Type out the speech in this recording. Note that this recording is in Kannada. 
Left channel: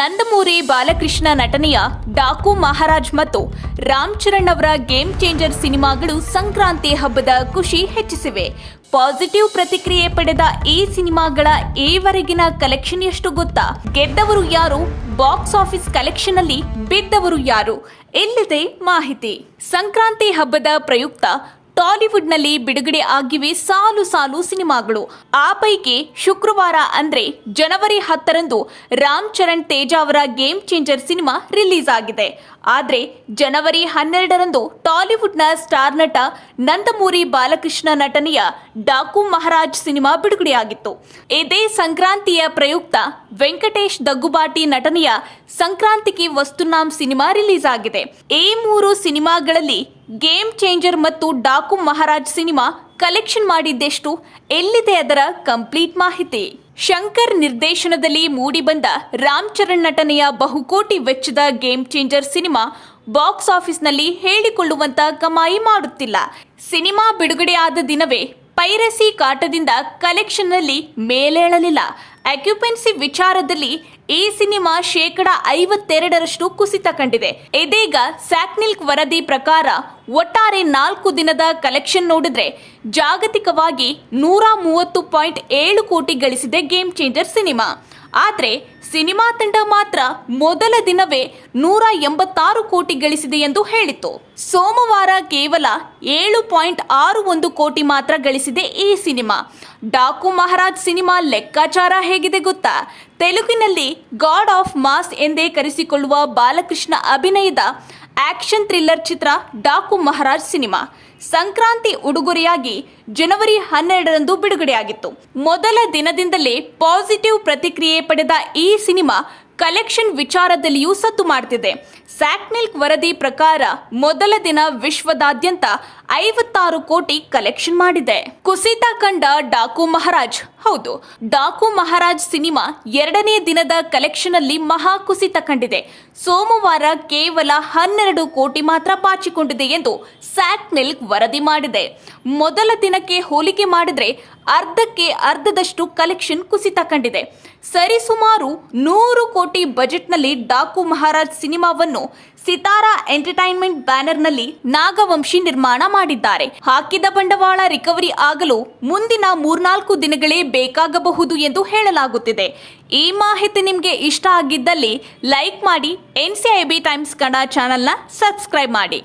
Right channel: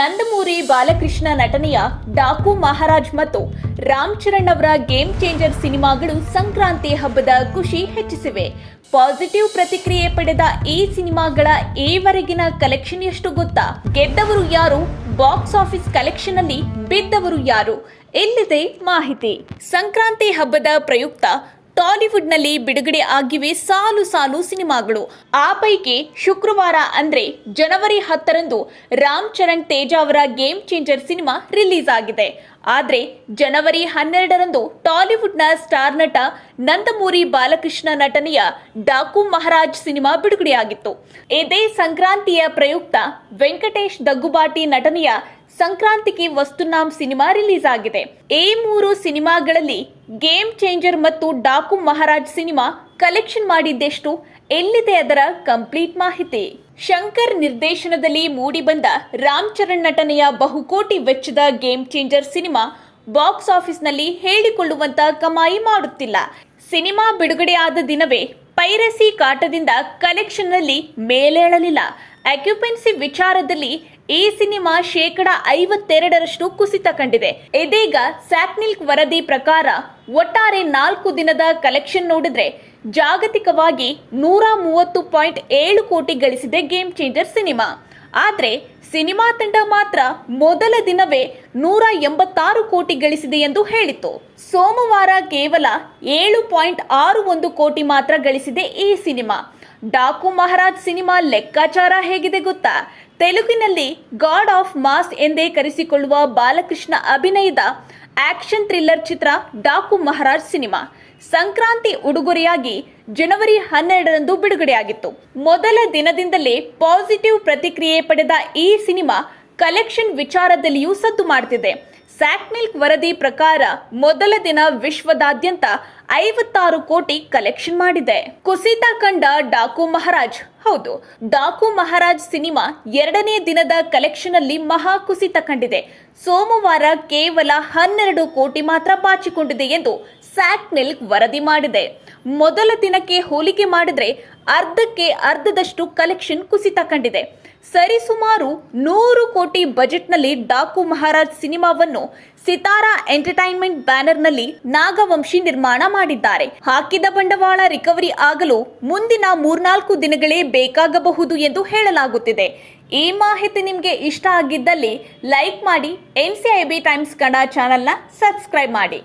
ನಂದಮೂರಿ ಬಾಲಕೃಷ್ಣ ನಟನೆಯ ಡಾಕು ಮಹಾರಾಜ್ ಮತ್ತು ರಾಮ್ ಚರಣ್ ಅವರ ಗೇಮ್ ಚೇಂಜರ್ ಸಿನಿಮಾಗಳು ಸಂಕ್ರಾಂತಿ ಹಬ್ಬದ ಖುಷಿ ಹೆಚ್ಚಿಸಿವೆ. ಪಾಸಿಟಿವ್ ಪ್ರತಿಕ್ರಿಯೆ ಪಡೆದ ಈ ಸಿನಿಮಾಗಳ ಈವರೆಗಿನ ಕಲೆಕ್ಷನ್ ಎಷ್ಟು ಗೊತ್ತಾ? ಗೆದ್ದವರು ಯಾರು? ಬಾಕ್ಸ್ ಆಫೀಸ್ ಕಲೆಕ್ಷನ್ ಅಲ್ಲಿ ಬಿದ್ದವರು ಯಾರು? ಎಲ್ಲಿದೆ ಮಾಹಿತಿ? ಸಂಕ್ರಾಂತಿ ಹಬ್ಬದ ಪ್ರಯುಕ್ತ ಟಾಲಿವುಡ್ನಲ್ಲಿ ಬಿಡುಗಡೆ ಆಗಿವೆ ಸಾಲು ಸಾಲು ಸಿನಿಮಾಗಳು. ಆ ಪೈಕಿ ಶುಕ್ರವಾರ ಅಂದ್ರೆ ಜನವರಿ ಹತ್ತರಂದು ರಾಮ್ ಚರಣ್ ತೇಜ ಅವರ ಗೇಮ್ ಚೇಂಜರ್ ಸಿನಿಮಾ ರಿಲೀಸ್ ಆಗಿದೆ. ಆದ್ರೆ ಜನವರಿ ಹನ್ನೆರಡರಂದು ಟಾಲಿವುಡ್ನ ಸ್ಟಾರ್ ನಟ ನಂದಮೂರಿ ಬಾಲಕೃಷ್ಣ ನಟನೆಯ ಡಾಕು ಮಹಾರಾಜ್ ಸಿನಿಮಾ ಬಿಡುಗಡೆಯಾಗಿತ್ತು. ಇದೇ ಸಂಕ್ರಾಂತಿಯ ಪ್ರಯುಕ್ತ ವೆಂಕಟೇಶ್ ದಗ್ಗುಬಾಟಿ ನಟನೆಯ ಸಂಕ್ರಾಂತಿಗೆ ವಸ್ತುನಾಮ್ ಸಿನಿಮಾ ರಿಲೀಸ್ ಆಗಿದೆ. ಈ ಮೂರು ಸಿನಿಮಾಗಳಲ್ಲಿ ಗೇಮ್ ಚೇಂಜರ್ ಮತ್ತು ಡಾಕು ಮಹಾರಾಜ್ ಸಿನಿಮಾ ಕಲೆಕ್ಷನ್ ಮಾಡಿದ್ದೆಷ್ಟು ಎಲ್ಲಿದೆ ಅದರ ಕಂಪ್ಲೀಟ್ ಮಾಹಿತಿ? ಶಂಕರ್ ನಿರ್ದೇಶನದಲ್ಲಿ ಮೂಡಿಬಂದ ರಾಮ್ ಚರಣ್ ನಟನೆಯ ಬಹುಕೋಟಿ ವೆಚ್ಚದ ಗೇಮ್ ಚೇಂಜರ್ ಸಿನಿಮಾ ಬಾಕ್ಸ್ ಆಫೀಸ್ನಲ್ಲಿ ಹೇಳಿಕೊಳ್ಳುವಂತ ಕಮಾಯಿ ಮಾಡುತ್ತಿಲ್ಲ. ಸಿನಿಮಾ ಬಿಡುಗಡೆಯಾದ ದಿನವೇ ಪೈರಸಿ ಕಾಟದಿಂದ ಕಲೆಕ್ಷನ್ನಲ್ಲಿ ಮೇಲೇಳಲಿಲ್ಲ. ಅಕ್ಯುಪೆನ್ಸಿ ವಿಚಾರದಲ್ಲಿ ಈ ಸಿನಿಮಾ ಶೇಕಡ ಐವತ್ತೆರಡರಷ್ಟು ಕುಸಿತ ಕಂಡಿದೆ. ಇದೀಗ ಸ್ಯಾಟ್ನಿಲ್ಕ್ ವರದಿ ಪ್ರಕಾರ ಒಟ್ಟಾರೆ ನಾಲ್ಕು ದಿನದ ಕಲೆಕ್ಷನ್ ನೋಡಿದ್ರೆ ಜಾಗತಿಕವಾಗಿ ನೂರ ಮೂವತ್ತು ಪಾಯಿಂಟ್ ಏಳು ಕೋಟಿ ಗಳಿಸಿದೆ ಗೇಮ್ ಚೇಂಜರ್ ಸಿನಿಮಾ ಆದರೆ ಸಿನಿಮಾ ತಂಡ ಮಾತ್ರ ಮೊದಲ ದಿನವೇ ನೂರ ಎಂಬತ್ತಾರು ಕೋಟಿ ಗಳಿಸಿದೆ ಎಂದು ಹೇಳಿತು ಸೋಮವಾರ ಕೇವಲ ಏಳು ಪಾಯಿಂಟ್ ಆರು ಒಂದು ಕೋಟಿ ಮಾತ್ರ ಗಳಿಸಿದೆ ಈ ಸಿನಿಮಾ. ಡಾಕು ಮಹಾರಾಜ್ ಸಿನಿಮಾ ಲೆಕ್ಕಾಚಾರ ಹೇಗಿದೆ ಗೊತ್ತಾ? ತೆಲುಗಿನಲ್ಲಿ ಗಾಡ್ ಆಫ್ ಮಾಸ್ ಎಂದೇ ಕರೆಸಿಕೊಳ್ಳುವ ಬಾಲಕೃಷ್ಣ ಅಭಿನಯದ ಆಕ್ಷನ್ ಥ್ರಿಲ್ಲರ್ ಚಿತ್ರ ಡಾಕು ಮಹಾರಾಜ್ ಸಿನಿಮಾ. ಸಂಕ್ರಾಂತಿ ಉಡುಗೊರೆಯಾಗಿ ಜನವರಿ ಹನ್ನೆರಡರಂದು ಬಿಡುಗಡೆಯಾಗಿತ್ತು. ಮೊದಲ ದಿನದಿಂದಲೇ ಪಾಸಿಟಿವ್ ಪ್ರತಿಕ್ರಿಯೆ ಪಡೆದ ಈ ಸಿನಿಮಾ ಕಲೆಕ್ಷನ್ ವಿಚಾರದಲ್ಲಿಯೂ ಸದ್ದು ಮಾಡ್ತಿದೆ. ಸ್ಯಾಕ್ಮಿಲ್ಕ್ ವರದಿ ಪ್ರಕಾರ ಮೊದಲ ದಿನ ವಿಶ್ವದಾದ್ಯಂತ ಐವತ್ತಾರು ಕೋಟಿ ಕಲೆಕ್ಷನ್ ಮಾಡಿದೆ. ಕುಸಿತ ಕಂಡ ಡಾಕು ಮಹಾರಾಜ್ ಹೌದು, ಡಾಕು ಮಹಾರಾಜ್ ಸಿನಿಮಾ ಎರಡನೇ ದಿನದ ಕಲೆಕ್ಷನ್ ಅಲ್ಲಿ ಮಹಾ ಕುಸಿತ ಕಂಡಿದೆ. ಸೋಮವಾರ ಕೇವಲ ಹನ್ನೆರಡು ಕೋಟಿ ಮಾತ್ರ ಬಾಚಿಕೊಂಡಿದೆ ಎಂದು ಸ್ಯಾಕ್ ಮಿಲ್ಕ್ ವರದಿ ಮಾಡಿದೆ. ಮೊದಲ ದಿನಕ್ಕೆ ಹೋಲಿಕೆ ಮಾಡಿದ್ರೆ ಅರ್ಧಕ್ಕೆ ಅರ್ಧದಷ್ಟು ಕಲೆಕ್ಷನ್ ಕುಸಿತ ಕಂಡಿದೆ. ಸರಿಸುಮಾರು ನೂರು ಕೋಟಿ ಬಜೆಟ್ನಲ್ಲಿ ಡಾಕು ಮಹಾರಾಜ್ ಸಿನಿಮಾವನ್ನು ಸಿತಾರಾ ಎಂಟರ್ಟೈನ್ಮೆಂಟ್ ಬ್ಯಾನರ್ನಲ್ಲಿ ನಾಗವಂಶಿ ನಿರ್ಮಾಣ ಮಾಡಿದ್ದಾರೆ. ಹಾಕಿದ ಬಂಡವಾಳ ರಿಕವರಿ ಆಗಲು ಮುಂದಿನ ಮೂರ್ನಾಲ್ಕು ದಿನಗಳೇ ಬೇಕಾಗಬಹುದು ಎಂದು ಹೇಳಲಾಗುತ್ತಿದೆ. ಈ ಮಾಹಿತಿ ನಿಮಗೆ ಇಷ್ಟ ಆಗಿದ್ದಲ್ಲಿ ಲೈಕ್ ಮಾಡಿ N C I B Times Kannada ಚಾನೆಲ್ನ ಸಬ್ಸ್ಕ್ರೈಬ್ ಮಾಡಿ.